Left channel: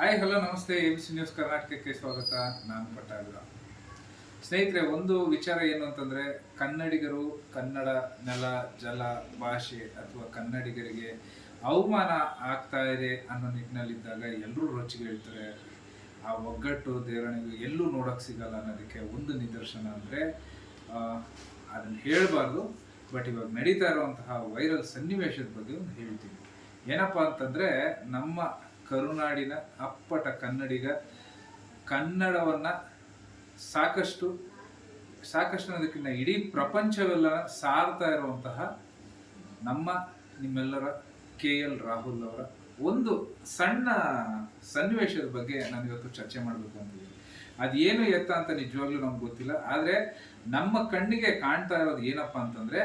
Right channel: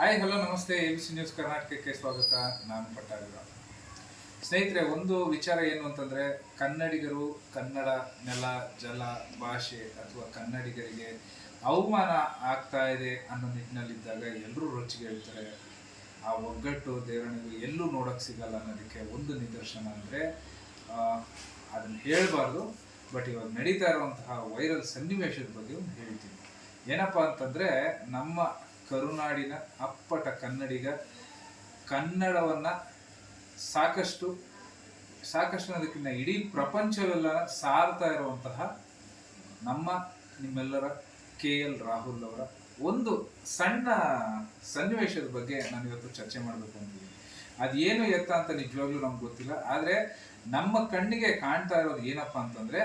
Hi, hello, ನಮಸ್ತೆ. A B C news ಕರ್ನಾಟಕಕ್ಕೆ ಸ್ವಾಗತ. ನಾನು ಪಟ್ಟಾಭಿರ ಸ್ನೇಹಿತರೆ, ಒಂದು ವಿಚಾರ ಏನು ಅಂತಂದರೆ, ಕನ್ನಡಿಗರು ಕನ್ನಡ ನೆಲ, ಜಲ, ಭಾಷೆ ಅಥವಾ ಕನ್ನಡಿಗರಿಗೆ ಅವಮಾನ ಆಗ್ತಾ ಇದೆ ಅನ್ನೋ ನಿಟ್ಟಿನಲ್ಲಿದ್ದಾಗ ಎಲ್ಲರೂ ರೊಚ್ಚಿಗೆ ಹೇಳ್ತಾರೆ. ಆ ಒಗ್ಗಟ್ಟು ದೇವರಣಿಗೆ ಎಲ್ಲೂ ನೋಡೋಕ್ಕೆ ಸಿಗಲ್ಲ ಅನ್ನೋದಕ್ಕೆ ಒಂದು ನಿದರ್ಶನ ಅಂದರೆ ಅದನ್ನು ಹೇಳಬಾರ್ದು. ಬಟ್ ಇವಾಗ ನಡೀತಾ ಇರುವಂತಹ ವೈರಲ್ ಸನ್ನಿವೇಶದ ಬಗ್ಗೆ ಒಂದು ಹೇಳ್ತೀನಿ. ಏನಪ್ಪ ಅಂತಂದರೆ, ನಮ್ಮ ಕರುನಾಡಿನ ಅಪ್ಪಟ ಕನ್ನಡಿಗ. ಕನ್ನಡವನ್ನು ಸಾಕಷ್ಟು ಸಾಕಷ್ಟು ಅನ್ನೋದಕ್ಕಿಂತ ಇಡೀ ಪ್ರಪಂಚವೆಲ್ಲ ಸಾರ್ತಾ ಇರುವಂತಹ ನಮ್ಮ, ನಿಮ್ಮೆಲ್ಲರ ಕೆ ಎಲ್ ರಾಹುಲ್ ಅವರ ಒಂದು ಸಣ್ಣ ಸನ್ನಿವೇಶದ ಬಗ್ಗೆ ನಾನು ಇವತ್ತು ಚರ್ಚೆ ಮಾಡಬೇಕು ಅಂತಿದ್ದೀನಿ. ಅದೇನು ಎತ್ತ ಅಂತ ನಿಜವಾಗ್ಲೂ ನಮ್ಗೆ ಗೊತ್ತಿಲ್ಲ. ಆದರೆ ನಮ್ಮ ಕಣ್ಣಿಗೆ ಕಾಣ್ತಾ ಇರೋದು ಏನಪ್ಪ ಅಂತಂದರೆ,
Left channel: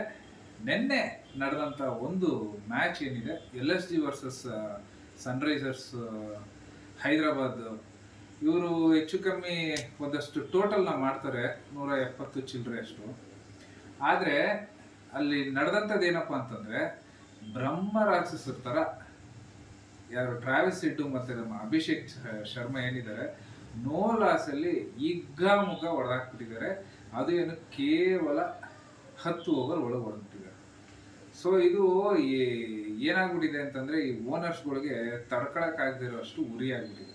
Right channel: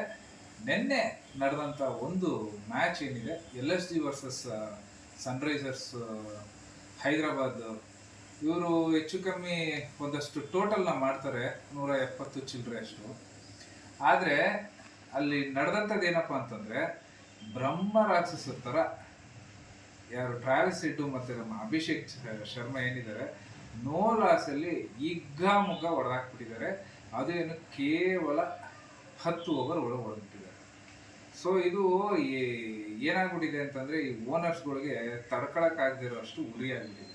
ನಿನ್ನೆ ನಡೆದಂಥ ಒಂದು ಮ್ಯಾಚ್ ಏನಿದೆ, L S G versus Sunrisers Hyderabad. ಇವರು ಹೆಚ್ಚು ಕಮ್ಮಿ ಒಂದಷ್ಟು ಟೋಟಲ್ನ ಮಾಡ್ತಾರೆ, ನೂರ ಎಪ್ಪತ್ತು ಚಿಲ್ಲರೆ ಅಷ್ಟು. ಆದರೆ, ಅಲ್ಲಿ ನಡೆದಂಥದ್ದು ಏನಪ್ಪ ಅಂತಂದರೆ, ಬ್ರಹ್ಮ ರಾಕ್ಷಸರ ಥರ ಯಾರು ಟ್ರಾವೆಲ್ಸ್ ಇಟ್ಟು ಮತ್ತು ನಮ್ಮ ಅಭಿಷೇಕ್ ಶರ್ಮಾ ಏನಿದ್ದಾರೆ ನೋ ಲಾಸಲ್ಲಿ ಈಗ್ಗಾಮುಗ್ಗ ಹೊಡೆದಾಕ್ಬಿಟ್ಟಿದ್ದಾರೆ ಅದು ಏನು ಕೇವಲ ಹತ್ತು ಓವರ್ ಒಳಗೆ ಹೊಡೆದ್ಬಿಟ್ಟಿದ್ದಾರೆ ಸೊ ಇದು ಏ- ಏನಾಗ್ಬಿಟ್ಟಿದೆ ಅಂತಂದರೆ ಈ ಓನರ್ಸ್ಗಳಿಗೆ ತಡ್ಕೊಳಕ್ಕಾಗದೇ ಅಷ್ಟು ಉರಿ ಆಗ್ಬಿಟ್ಟಿದೆ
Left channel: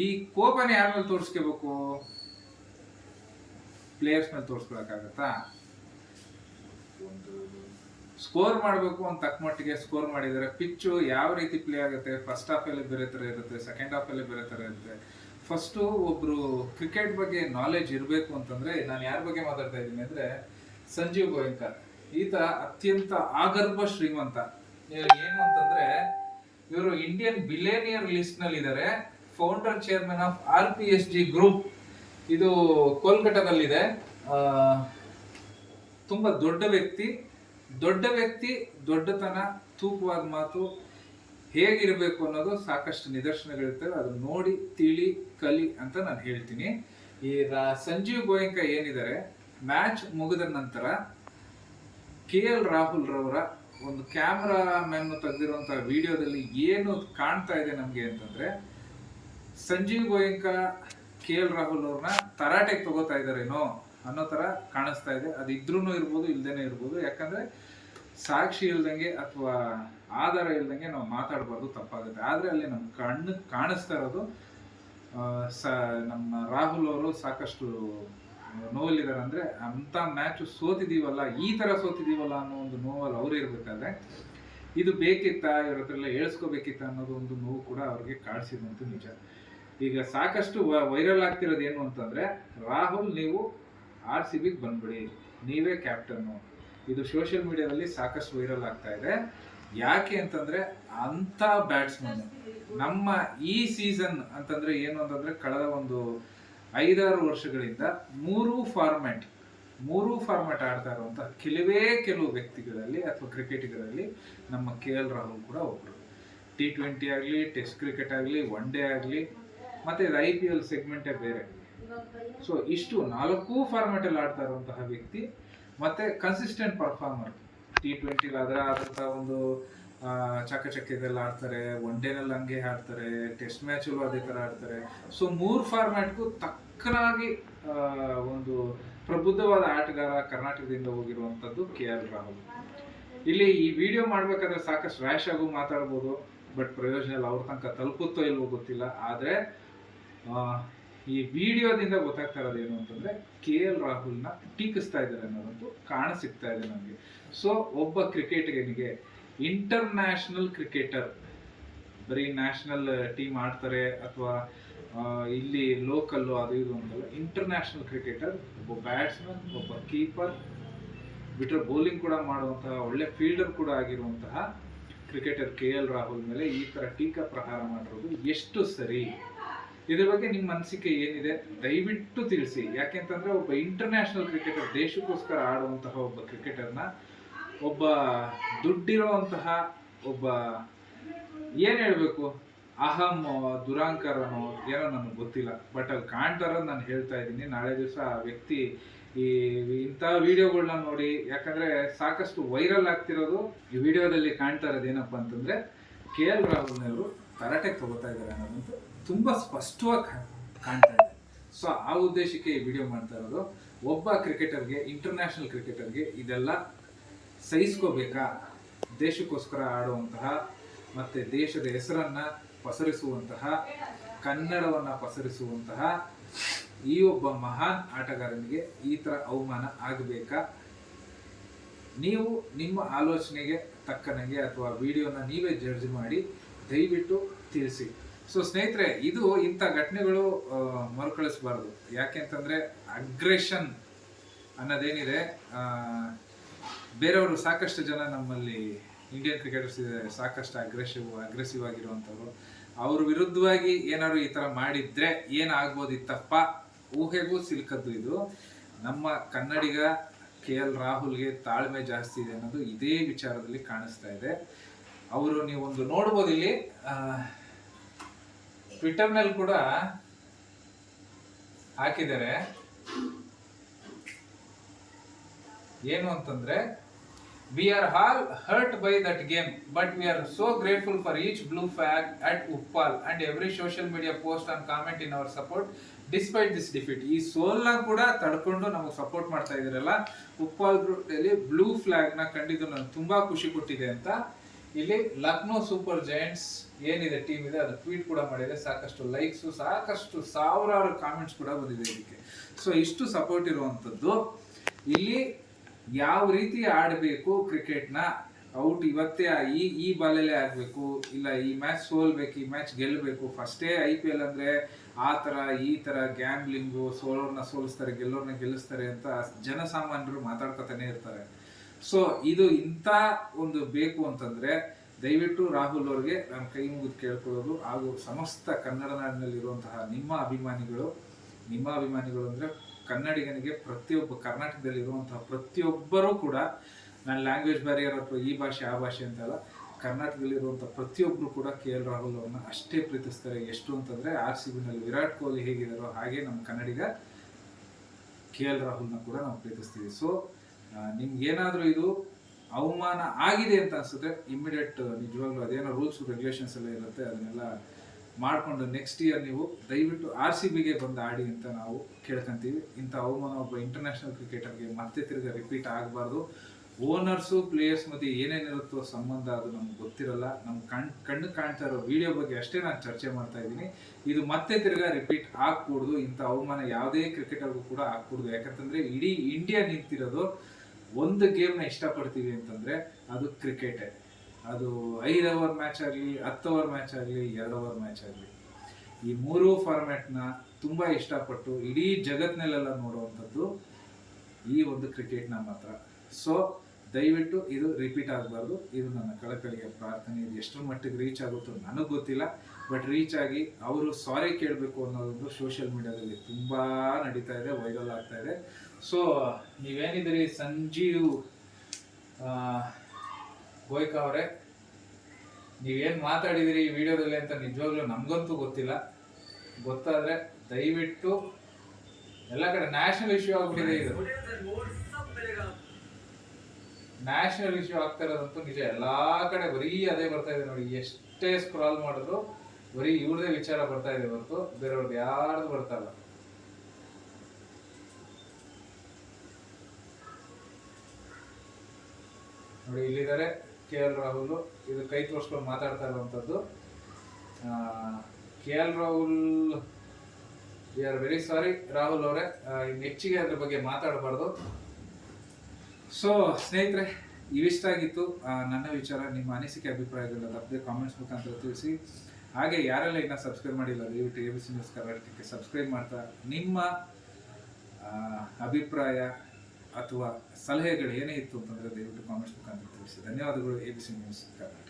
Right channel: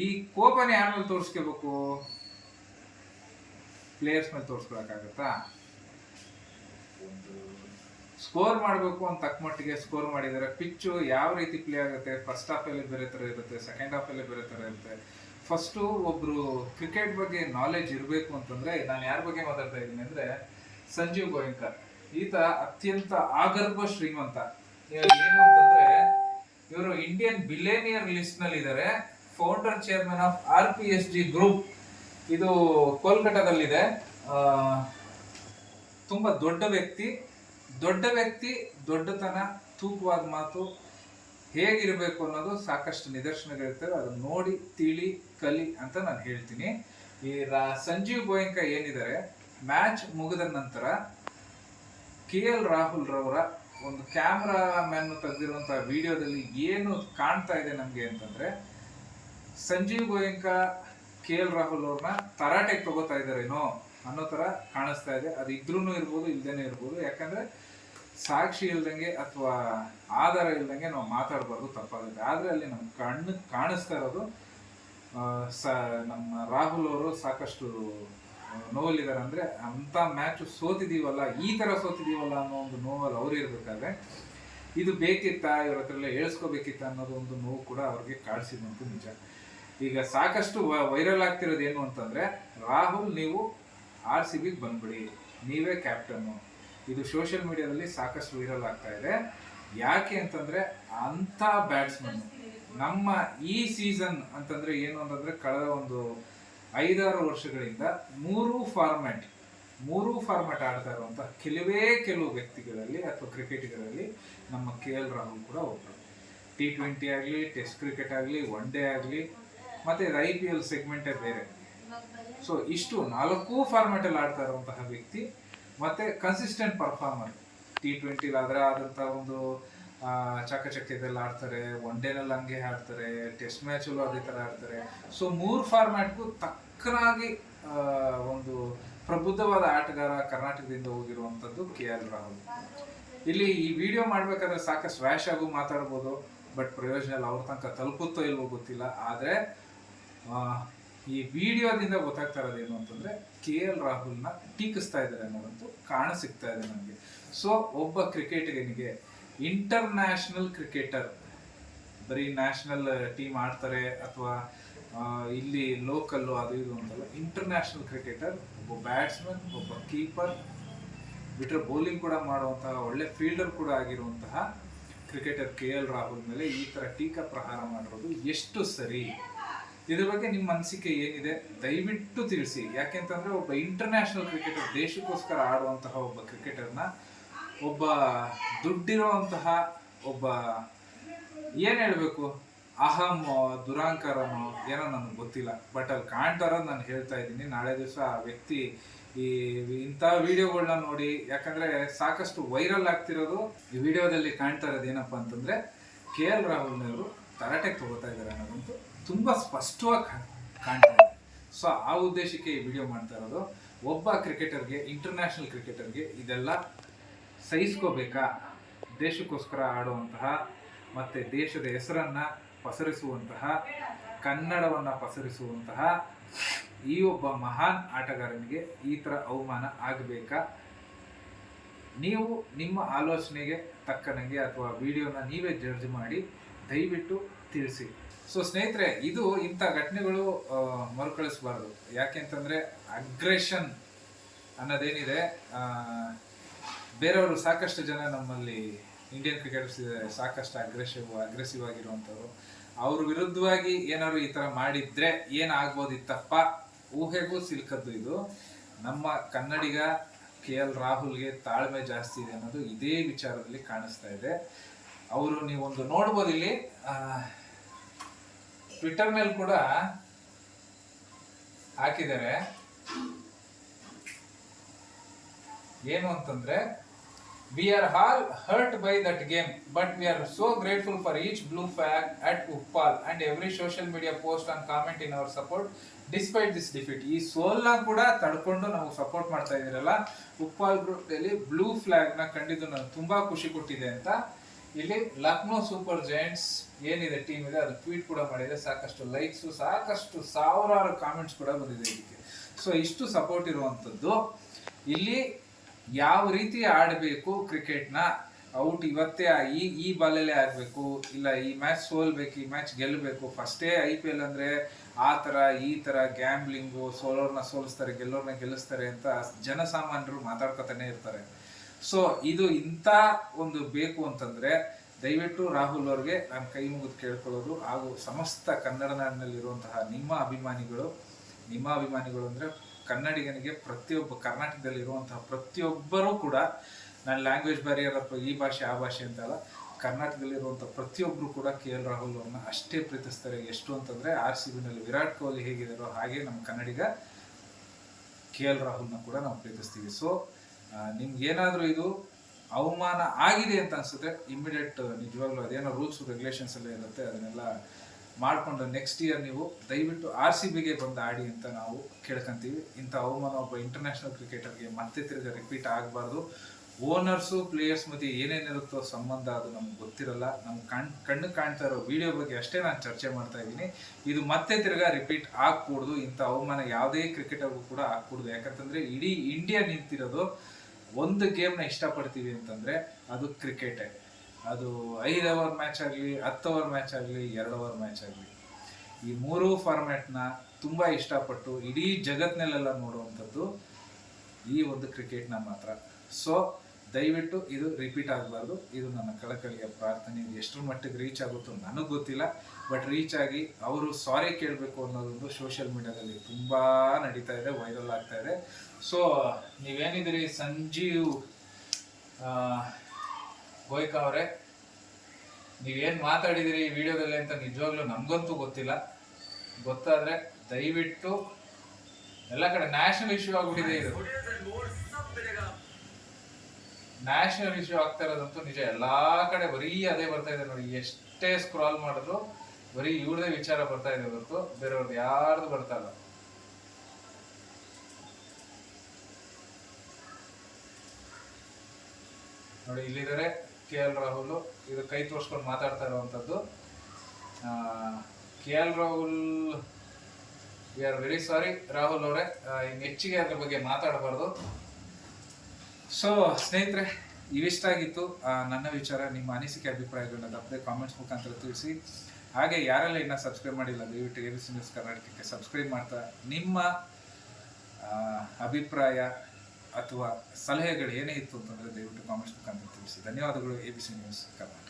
ಈ ಕೋಪನ ಯಾರ ಮೇಲೆ ತೋರಿಸ್ಕೋಬೇಕು? ಪ್ಲೇಯರ್ಸ್ ಮೇಲೆ ತೋರಿಸ್ಕೊಳಕ್ಕಾಗತ್ತಾ ಒಂದು ಸ್ಕೋರ್ ಮಾಡಬೇಕು ಅಂತ ತಕ್ಕ ಮಟ್ಟಿಗೆ ಸ್ಕೋರ್ ಮಾಡಿದರೆ. ಪಿಚ್ಚು ಯಾವ ರೀತಿ ಪ್ಲೇ ಆಗುತ್ತೆ? ಫಸ್ಟ್ ಹಾಫಲ್ಲಿ ಬೇರೆ ಥರ ಇರುತ್ತೆ ಸೆಕೆಂಡ್ ಹಾಫಲ್ಲಿ ಬೇರೆ ಥರ ಇರುತ್ತೆ. ಫಸ್ಟು ಒಬ್ಬರು ಕ್ರಿಕೆಟ್ ಬಗ್ಗೆ ನಾಲೆಜ್ ಇರಬೇಕು ಅಂತಂದರೆ, ನಾನು ಯಾರ ಬಗ್ಗೆ ಮಾತಾಡ್ತಾ ಇದ್ದೀನಿ ಅಂದರೆ, ಸಂಜೀವ್ ಗೋಯಂಕರ್. ಈತ ಅತ್ಯಂತ ಆಗರ್ಭ ಶ್ರೀಮಂತ. ಏನು ಅಂತಂದ್ರೆ, ಇವರು ಇಂಡಿಯನ್ ಬಿಲೇನಿಯರ್ ಲಿಸ್ಟ್ನಲ್ಲಿ ಇದ್ದಾರೆ founder chairman of R P S G group ಇದು ಕೋಲ್ಕತ್ತಾದಲ್ಲಿದೆ. ತುಂಬಾ ದೊಡ್ಡ ವ್ಯಕ್ತಿ. ದೊಡ್ಡ ವ್ಯಕ್ತಿ, ದೊಡ್ಡತನ, ತೂಕವಾದ ಮಾತು, ಹೇಗಿರಬೇಕು ಅನ್ನೋದು ಸಾಕಷ್ಟು ನಿದರ್ಶನಗಳಿರ್ತವೆ ಅದನ್ನ ನೋಡಿ, ತಿಳಿ, ಕಲಿ ಅಂತ ನಾನು ಹೇಳ್ತೀನಿ. ಈ ಸಂಜೀವ್ ಗೋಯಂಕ ಏನಿದ್ದಾರೆ ಮ್ಯಾಚ್ ಮುಗಿದ ನಂತರ ಕೆ ಎಲ್ ರಾಹುಲ್ ರವರ ಒಂದು ಕ್ಯಾಮ್ರಾ ಮ್ಯಾನ್ ತೆಗೆದಿರುವಂಥ ವಿಡಿಯೋದಲ್ಲಿ ಏನು ಕಾಣ್ತಾ ಇದೆ ನಮಗೆ ಅಂತಂದರೆ, ಸಂಜೀವ್ ಗೋಯಂಕ, ಕೆ ಎಲ್ ರಾಹುಲ್ ಅವ್ರನ್ನ ತರಾಟೆಗೆ ತಗೋತಾ ಇದ್ದಾರೇನೋ ಅನ್ನೋ ಥರ ಕಾಣಿಸ್ತಾ ಇದೆ. ಅದು ಇದ್ರೂ ಇರ್ಬೋದು, ಇಲ್ದೇನೆ ಇರ್ಬೋದು. ಯಾಕಂದರೆ ಸಾಕ್ಷಿ ಇಲ್ದಂಗೆ ಅಥವಾ ಆಧಾರ ಇಲ್ದಂಗೆ ನಾವು ಮಾತಾಡಬಾರ್ದು, ತಪ್ಪಾಗುತ್ತೆ. ಆದರೆ ಅಲ್ಲಿ ನಮ್ಮ ಕಣ್ಣು ಕಾಣಿಸ್ತಾ ಇರೋದು ಸ, ನಮ್ಮ ರಾಹುಲ್ ಅವರು ಸಾಕಷ್ಟು ನೋವಲ್ಲಿದ್ದಾರೆ ಅಂದರೆ ಅಂಥ ಮ್ಯಾಚು ಸೋತಿದ್ದೀವಲ್ಲ ಈ ಥರ ಸೋತಿದ್ದೀವಲ್ಲ ಅನ್ನೋ ಒಂದು ನೋವಲ್ಲಿ ಅವ್ರು ಇರಬೇಕಾದ್ರೆ, ಇದು ಬೇಕಿತ್ತ, ಇವ್ರ ಹತ್ರ ಎಲ್ಲ ಹೇಳ್ಸ್ಕೋಬೇಕಿತ್ತ ಅನ್ನೋದು ಒಂದು ನೋವು ಕೂಡ ಅವ್ರಿಗೆ ಕಾಡಿಸಿದಂತೂ ನಿಜ. ಈಗ ಸಾಕಷ್ಟು ವೈರಲ್ ಆಗ್ತಿರೋದು ಏನು ಅಂತಂದರೆ, ರಾಹುಲ್ ನೀವು ಆರ್ ಸಿ ಬಿಗೆ ಬಂದ್ಬಿಡಿ, ನೀವೇ ಕ್ಯಾಪ್ಟನ್ನು ಇದು ಸೋಷಿಯಲ್ ಮೀಡಿಯಾದಲ್ಲಿ ಸಾಕಷ್ಟು ವೈರಲ್ ಆಗ್ತಾ ಇದೆ. ಯಾಕೆ ಅಂತಂದರೆ, ಅಂಥ ಬ್ಯಾಟ್ಸ್ಮನ್ ನಮ್ಮ ಈ ಸೀಸನ್ ಅಂತಂದರೆ ಏನು ಅಂತಂದರೆ, ಕಳೆದ ಒಂದು ಐದಾರು ವರ್ಷಗಳಿಂದ ಮೂರು ಫಾರ್ಮ್ಯಾಟ್ ಮೂರು ಫಾರ್ಮ್ಯಾಟ್ ಆಡ್ತಾ ಇರುವಂತಹ ಕೆಲವೇ ಕೆಲವು ವ್ಯಕ್ತಿಗಳಲ್ಲಿ ಅಥವಾ ಕ್ರಿಕೆಟಿಗರಲ್ಲಿ ನಮ್ಮ ಕೆ ಎಲ್ ರಾಹುಲ್ ಕೂಡ ಒಬ್ಬರು ಟಿ ಟ್ವೆಂಟಿ ಆಗಲಿ ಟೆಸ್ಟ್ ಕ್ರಿಕೆಟ್ ಆಗಲಿ ಒನ್ ಡೇ ಆಗಲಿ, ಮತ್ತು ಇದು ಐ ಪಿ ಎಲ್ ಸೆಗ್ಮೆಂಟೇ ಬೇರೆ. ಸೊ ಇಷ್ಟು ನಾಲ್ಕು ಫಾರ್ಮ್ಯಾಟಲ್ಲಿ ಆಡ್ತಾ ಇರುವಂತಹ ವ್ಯಕ್ತಿ, ಮತ್ತು ಕನ್ಸಿಸ್ಟೆಂಟ್ ಪರ್ಫಾರ್ಮರ್ ಟಿ ಟ್ವೆಂಟಿಲಾದ್ರೆ ಆದಂಥ ಒಂದು ಚಕ್ಕದಲ್ಲಿ ಆಡ್ತಾರೆ ಒನ್ ಡೇನಲ್ಲಿ ಹಂಗೆ ಆಡ್ತಾರೆ ಟೆಸ್ಟ್ ಮ್ಯಾಚಲ್ಲೂ ಅದೇ ಥರ ಆಡ್ತಾರೆ. ಸೊ ಮೂರು ಫಾರ್ಮ್ಯಾಟ್ಗೂ ತಕ್ಕನಾಗಿ ಒಂದು ಪ್ರಬುದ್ಧವಾದ ಆಟಗಾರ ಕರ್ನಾಟಕದಿಂದ ಹೋಗಿರುವಂಥದ್ದು ಕೆ ಎಲ್ ರಾಹುಲ್. ಇಲ್ಲಿ ಈ ವಿಡಿಯೋ ಮಾಡಬೇಕಾದ್ರೆ ಸಾಕಷ್ಟು ರ್ಯಾಶ್ ಆಗು ಮಾತಾಡ್ಬೋದು ಬಟ್ ಪ್ರಯೋಜನ ಇಲ್ಲ. ಅವ್ರ ತನಕ ತಲುಪುತ್ತೋ ಇಲ್ವೋ ಗೊತ್ತಿಲ್ಲ. ಆದರೆ ಈ ವಿಡಿಯೋದಿಂದ ಗೊತ್ತಾಗ್ತಾ ಇರೋದೇನು ಅಂತಂದರೆ, ಕೆ ಎಲ್ ರಾಹುಲ್ನ ಟೀಕಿಸ್ತಾ ಇದ್ದಾರೆ ಅನ್ನೋದಂತೂ ಕಾಣ ಸಿಗ್ತಾ ಇದೆ ನಮಗೆ. ಸೊ ಒಬ್ಬ ಕ್ರಿಕೆಟಿಗನಿಗೆ ಇಂಟರ್ನ್ಯಾಷನಲ್ ಕ್ರಿಕೆಟರ್ ಬರೀ ನ್ಯಾಷನಲ್ ಟೀಮ್ ಆಡ್ತಾರೆ ಅಥವಾ ಇಲ್ಲಿ ಲೋಕಲ್ಲು ಅದು ಇದು ಅಂತಲ್ಲ ಇಂಟರ್ನ್ಯಾಷನಲ್ ಕ್ರಿಕೆಟರ್ ಒಬ್ಬ ಬ್ಯಾಟ್ಸ್ಮನ್ ಒಬ್ಬ ಕೀಪರ್ ಬಿಟ್ರೆ ಬೌಲಿಂಗ್ ಕೂಡ ಮಾಡುವಂತಹ, ಒಳ್ಳೆ ಫೀಲ್ಡರ್ ಕೂಡ ಆಗಿರುವಂತಹ ಕ್ರಿಕೆಟರ್ ಕೆ ಎಲ್ ರಾಹುಲ್ ಮೇಲೆ ಈ ಥರ ಟೀಕಾ ಪ್ರಹಾರ ಮಾಡಿರೋದು ಎಷ್ಟು ಸರಿ. ಇದ್ರ ಬಗ್ಗೆ ನಿಮ್ಮ ಅನಿಸಿಕೆ ಏನಿದೆ? ದಯವಿಟ್ಟು ತಿಳಿಸಿ. ಯಾಕೆಂತಂದ್ರೆ ಒಬ್ಬ ಇಂಟರ್ನ್ಯಾಷನಲ್ ಕ್ರಿಕೆಟರ್ ದೇಶಕ್ಕೋಸ್ಕರ ಆಡುವಂತಹ ಒಬ್ಬ ಕ್ರಿಕೆಟರ್ನ ಒಬ್ಬ ದುಡ್ಡಿರುವಂತಹ ಒಬ್ಬ ಏನು ಹೇಳಬೇಕು? ಅಹಂ ದುರಾಂಕರನೋ ಏನೋ ನನಗೆ ಗೊತ್ತಿಲ್ಲ. ಬಟ್ ಅಲ್ಲಿ ಕಾಣ್ತಾ ಇರೋದು ನಾನು ಹೇಳ್ತಾ ಇದ್ದೀನಿ. ನಾಳೆ ದಿವಸ ಆ ವ್ಯಕ್ತಿ ಈ ಇಂಥ ವಿಡಿಯೋಗಳನ್ನ ನೋಡಿ, ಯಾಕಂದ್ರೆ ಸಾಕಷ್ಟು ವೈರಲ್ ಆಗ್ತಿರೋದು ಈ ವಿಡಿಯೋದಲ್ಲಿ ಕಾಣ್ತಾ ಇರೋದು ಏನಪ್ಪ ಅಂತಂದ್ರೆ ಕೆ ಎಲ್ ರಾಹುಲ್ನವರು ತರಾಟೆಗೆ ತಗೋತಾ ಇದ್ದಾರೆ ಅನ್ನೋದಂತೂ ತುಂಬ ಸ್ಪಷ್ಟವಾಗಿ ಕಾಣ್ತಾ ಇದೆ. ಸೊ ಆ ಉದ್ದೇಶಕ್ಕೆ ಈ ವಿಡಿಯೋ ಮಾಡ್ತಾ ಇರೋದು. ಒಬ್ಬ ಕ್ರಿಕೆಟರ್ಗೆ ಇಂಟರ್ನ್ಯಾಷನಲ್ ಕ್ರಿಕೆಟರ್ಗೆ ಇದೆಲ್ಲ ಸಹಿಸ್ಕೋಬೇಕಾ? ದೇಶಕ್ಕೋಸ್ಕರ ಆಡುವಂತಹ ಮತ್ತು ದೇಶದ ಹೆಸರನ್ನು ಪಸರಿಸುವಂತಹ, ಕನ್ನಡವನ್ನು ಪಸರಿಸುವಂತಹ ಈ ಒಬ್ಬ ಮಹಾನ್ ಆಟಗಾರನಿಗೆ ಈ ಥರ ಅವಮಾನ ಆಗಬೇಕಾ? ನೀವು ನಿಮ್ಮ ಆಲೋಚನೆಗೆ ತಕ್ಕನಂಗೆ ಅಥವಾ ವಿಡಿಯೋನ ನೀವೇ ಜಡ್ಜ್ ಮಾಡಿ ದಯವಿಟ್ಟು ತಿಳಿಸಿ. ಸೊ ಸ್ನೇಹಿತರೆ, ಇದು ಇಂಥ ಘಟನೆಗಳು ಮರುಕಳಿಸಬಾರ್ದು. ಯಾಕೆಂತಂದರೆ ಅಗ್ರೆಷನ್ ಅನ್ನೋದೇನಿದೆ ಬೇರೆಯವರು ಸಾಕಷ್ಟು ಜನ ನಮ್ಮಲ್ಲಿ ಇಂಡಿಯನ್ ಕ್ರಿಕೆಟರ್ಸ್ ಸಾಕಷ್ಟು ಅಗ್ರೆಸಿವ್ ಅಗ್ರೆಸಿವ್ ಆಗಿರುವಂಥವ್ರು. ಅವ್ರ ವಿರುದ್ಧವಾಗಿ ಏನಾದ್ರು ಈ ಥರ ಮಾಡಿದ್ರೆ ಏನಾಗ್ಬೋದಿತ್ತಪ್ಪ ಊಹೆಗೂ ಸಿಲ್ಕದ್ದು ಇದು. ನಮ್ಮ ಕನ್ನಡಿಗ ಕೆ ಎಲ್ ರಾಹುಲ್ಗೆ ತಾಳ್ಮೆ ಜಾಸ್ತಿ ಇದೆ ಅನ್ನೋದು ಇದೇ ವಿಚಾರದಲ್ಲಿ ಕಾಣಿಸ್ತಾ ಇದೆ. ಅವರು ನೀವೊಂದು ನೋಡ್ಬೋದು ಇಲ್ಲಿ. ಟ್ವಿಟರ್ ಮೇಲೆ ಕೂಡ ಹಾಕಿದ್ದಾರೆ. ಏನು ಅಂತಂದ್ರೆ we are all hurt by that game but we are so grateful for each blue flag at Uppal and every social media post and comment in our support despite this defeat ಈ ಸೋಲ್ನ ಕೂಡ ತಡ್ಕೊಂಡು ನಮಗೆ support ಮಾಡ್ತಾ ಇದ್ದೀರಲ್ಲ. ಉಪ್ಪಾಲ್ group ಅಲ್ಲಿ blue ಫ್ಲ್ಯಾಗ್ನ ಕಂಡಿದ್ದು ನನಗೆ ತುಂಬ ಖುಷಿ ಕೊಟ್ಟಿದೆ ಅಂತ. ಇಲ್ಲಿ ಲಕ್ನೋ ಸೂಪರ್ ಜೈಂಟ್ಸ್ ಏನಿದೆ ಟೀಮ್ ಇದೆ, ಅದು ಟ್ವೀಟ್ ಕೂಡ ಮಾಡಿದೆ. ಸಾಕಷ್ಟು ಲೈಕ್ಸು ಸಾಕಷ್ಟು ಸಾವಿರಾರು ಕಾಮೆಂಟ್ಸ್ ಕೂಡ ಬಂದಿದೆ ಇದಕ್ಕೆ. ಸೊ ಇಷ್ಟು ಸಪೋರ್ಟ್ ಇರುವಂಥದ್ದು ಇಲ್ಲಿ ಯಾವ ರೀತಿ ಆಡಬೇಕು ಕ್ರಿಕೆಟ್ನ ಔಟ್ ಇವತ್ತೇ ಈ ಈ ಬಾಲಲ್ಲೇ ಆಗಬೇಕು, ಇಲ್ಲ ಈ ಮ್ಯಾಚ್ ಸೋಲ್ಬೇಕು, ಈ ಮ್ಯಾಚ್ ಗೆಲ್ಲಬೇಕು ಫಸ್ಟೇ ಐ ಪಿ ಎಲ್ ಅಂದರೆ ಆ ಥರ ಈ ಥರ ಗ್ಯಾಂಬ್ಲಿಂಗು ಸೋಲೋರ್ನ ಸೋಲಿಸ್ತಾರೆ, ಗೆಲ್ಲೋರ್ನ ಗೆಲ್ಲಿಸ್ತಾರೆ ಅಂತ ಜನಸಾಮಾನ್ಯರು ಮಾತಾಡ್ಕೊತಾನೆ ಇರ್ತಾರೆ. ಸೊ ಇದು ಇಂಥ ಒಂದು ಬೇಕು ಅಂತಂದರೆ ದಯವಿಟ್ಟು ರಾಹುಲ್ ಅವ್ರಿಗೆ ನಾನು ಕೈ ಮುಗಿದು ಕೇಳ್ಕೊಳ್ಳೋದು ಹಾಗೂ ಸಮಸ್ತ ಕನ್ನಡ ನಾಡಿನಲ್ಲಿರುವಂತಹ ನಿಮ್ಮ ಅಭಿಮಾನಿಗಳು ನಿಮ್ಮ ಅಭಿಮಾನಿಗಳು ಅಂದರೆ ಕನ್ನಡಿಗನಿಗೆ ಪ್ರತಿಯೊಬ್ಬ ಕರ್ನಾಟಕದಲ್ಲಿ ಇರುವಂತಹ ಪ್ರತಿಯೊಬ್ಬರೂ ಕೂಡ ನನ್ನ ಲ್ಯಾಂಗ್ವೇಜ್ ಬ್ಯಾರಿಯರ್ ಅಥವಾ ಈ ಭಾಷೆ, ಆ ಭಾಷೆ ಅಂತಲ್ಲ ಕರ್ನಾಟಕದಲ್ಲಿರುವಂಥ ಪ್ರತಿಯೊಬ್ಬರು ಕೂಡ ಕೆ ಎಲ್ ರಾಹುಲ್ ಅವ್ರನ್ನ ಅಷ್ಟೇ ಪ್ರೀತಿಸ್ತಾರೆ. ಎಷ್ಟು ಅಂತಂದರೆ ಆರ್ ಸಿ ಬಿನಲ್ಲಿ ವಿರಾಟ್ ಕೊಹ್ಲಿ ಹೇಗಿದ್ದಾರೋ ಹಾಗೆ ನಮ್ಮ ಕನ್ನಡಿಗ ಕೆ ಎಲ್ ರಾಹುಲ್ನ ಕೂಡ ನಾವು ಪ್ರೀತಿಸ್ತೀವಿ. ಸೊ ನಿಮ್ಗೇನಾದರೂ ಇದು ಅವಮಾನ ಆಗಿದೆ ಅಂತ ಅನ್ಸುತ್ತೆ ಇಮ್ಮಿಡಿಯೇಟ್ ನಿಜವಾಗ್ಲೂ ಅದೇನೋ ರೂಲ್ಸ್ ರೆಗ್ಯುಲೇಷನ್ಸ್ ಎಲ್ಲ ಇರುತ್ತೆ, ಅದನ್ನೆಲ್ಲ ಮಾಡಿಕೊಂಡು ನೆಕ್ಸ್ಟ್ ಇಯರ್ ನೀವು ದಯವಿಟ್ಟು ಆರ್ ಸಿ ಬಿಗೆ ಬಂದು ಆಡಿ ಅಂತ ನಾವು ಕೇಳ್ಕೊಂತೀವಿ. ಇಂಥ ಅವಮಾನ ಒಬ್ಬ ಇಂಟರ್ನ್ಯಾಷನಲ್ ಕ್ರಿಕೆಟರ್ಗೆ ಮತ್ತೆ ತಿರ್ಗಿ ರಿಪೀಟ್ ಆಗಬಾರ್ದು. ಓನರ್ಸು ಪ್ಲೇಯರ್ಸ್ ಮಧ್ಯೆ ಏನೇನಿರುತ್ತೋ ಸಂಬಂಧ ಅದು ನಮ್ಗೆ ಗೊತ್ತಿರಲ್ಲ. ನಮ್ಮ ಕಣ್, ಕಣ್ಣು ಕಾಣ್ತಾ ಇರೋ ವಿಡಿಯೋ ಬಗ್ಗೆ ಅಷ್ಟೇ ನಾನು ಚರ್ಚೆ ಮಾಡ್ತಾ ಇದ್ದೀನಿ. ಇದು ಮತ್ತೆ ತಿರ್ಗ ರಿಪೀಟ್ ಆಗಕೂಡ್ದು ಇಂಥ ಅವಮಾನ ಯಾವುದೇ ಕ್ರಿಕೆಟರ್ಗೂ ಕೂಡ ಆಗಕೂಡ್ದು ಯಾಕಂತಂದರೆ ಇಡೀ ಇಂಡಿಯಾ ನಿಂತಿರೋದು ಒಂದು ಗೇಮ್ನ ಇಷ್ಟಪಡ್ತೀವಿ ಅಂತಂದ್ರೆ ಅದು ಕ್ರಿಕೆಟೇ ಅದು ಐದು ಅವರ್ ಮ್ಯಾಚ್ ಆಗಲಿ, ಹತ್ತು ಅವರ್ ಮ್ಯಾಚ್ ಆಗಲಿ, ಎರಡು ಅವರ್ ಮ್ಯಾಚ್ ಆಗಲಿ. ಈ ಮೂರೂ ಫಾರ್ಮ್ಯಾಟ್ನ ತುಂಬ ಇಷ್ಟಪಟ್ಟು ಇಡೀ ಜಗತ್ತಿನಲ್ಲೆಲ್ಲ ನೋಡುವಂಥದ್ದು ಈ ಒಂದು ಕ್ರಿಕೆಟ್ನ ಮಾತ್ರ. ಸೊ ದಯವಿಟ್ಟು ಇದು ರಿಪೀಟ್ ಆಗಬಾರ್ದು. ಇದು ನನ್ನ ಕಳಕಳಿಯ ಪ್ರಾರ್ಥನೆ. ಇದು ಎಷ್ಟರ ಮಟ್ಟಿಗೆ ರೀಚ್ ಆಗುತ್ತೋ ನನಗೆ ಗೊತ್ತಿಲ್ಲ. ಬಟ್ ರೀಚ್ ಆಗಿ ಅವರು ಸಾರಿ ಕೇಳಬೇಕು ಅನ್ನೋದೊಂದು ಸೋಷಿಯಲ್ ಮೀಡಿಯಾದಲ್ಲಿ ತುಂಬ ನಡೀತಾ ಇದೆ ವೈರಲ್ ಆಗ್ತಾ ಇದೆ. ಸೊ ನೀವೇನಿದ್ದೀರಿ ಸಂಜೀವ್ ಗೋಯ್ಕಾ ಅವರೇ? ನೀವೇನು ಮಾತಾಡಿದಿರಿ ಈ ವಿಡಿಯೋದಲ್ಲಿ ಅಂತ ನಿಜವಾಗ್ಲೂ ನಮಗಂತೂ ಗೊತ್ತಿಲ್ಲ. ಗೊತ್ತಾದ್ರೆ ದಯವಿಟ್ಟು ಎಲ್ಲ ಕಡೆ ನ್ಯಾಷನಲ್ ಇಶ್ಯೂ ಆಗ್ಬಿಟ್ಟಿದೆ ಇದು. ನ್ಯಾಷನಲ್ ಇಶ್ಯೂ ಆಗ್ತಾ ಇರೋದಂತೂ ನಿಜ, ಎಲ್ಲ ಕಡೆ ಬರೀ ಅದೇ ಬರ್ತಾ ಇದೆ ನೋಡಿ, ಎಷ್ಟೇ ಸ್ಕ್ರಾಲ್ ಮಾಡಿದ್ರು ಬರೀ ಇವ್ರದೇ ವಿಚಾರ ಬರ್ತಾ ಇದೆ ಹೊರತು, ಬೇರೆಯವ್ರದ್ದು ಯಾರ್ದು ಬರ್ತಾ ಇಲ್ಲ. ನೋಡಿ, ಇಲ್ಲಿದ್ದಾರೆ. ಕೆ ಎಲ್ ರಾಹುಲ್, ಇದು ಕೈ ತೋರಿಸ್ಕೊಂಡು ಮಾತಾಡ್ತಾ ಇರುವಂಥದ್ದು. K L Rahul we are very sorry Rahul ಅವರೇ ಇನ್ನು ಹೆಚ್ಚಿಗೆ ಅದ್ರ ಬಗ್ಗೆ ಮಾತಾಡಬಾರ್ದು. ಸೊ ಸ್ನೇಹಿತರೆ ಇವಿಷ್ಟಾಗಿತ್ತು ಆಗಿತ್ತು ನನ್ನ ವಿಚಾರ, ನಿಮ್ಮ ಅನಿಸಿಕೆ ಅಭಿಪ್ರಾಯಗಳನ್ನ ತಪ್ಪದೆ ಕಾಮೆಂಟ್ಸ್ ಮುಖಾಂತರ ತಿಳಿಸಿ. ಹಾಗೆ ಯಾರೆಲ್ಲ ಇನ್ನೂ ಸಬ್ಸ್ಕ್ರೈಬ್ ಮಾಡಿಲ್ಲ, ದಯವಿಟ್ಟು ಎ ಬಿ ಸಿ ನ್ಯೂಸ್ ಕರ್ನಾಟಕಕ್ಕೆ ಸಬ್ಸ್ಕ್ರೈಬ್ ಮಾಡ್ತಾ, ನಿಮ್ಮ ಅಭಿಪ್ರಾಯ ಅಥವಾ ಸಲಹೆಗಳು ಏನೇ ಇತ್ತು ಅಂತಂದರೆ ದಯವಿಟ್ಟು ಕಾಮೆಂಟ್ಸ್ ಮುಖಾಂತರ ತಿಳಿಸಿ. ಧನ್ಯವಾದಗಳು, A B C news Karnataka.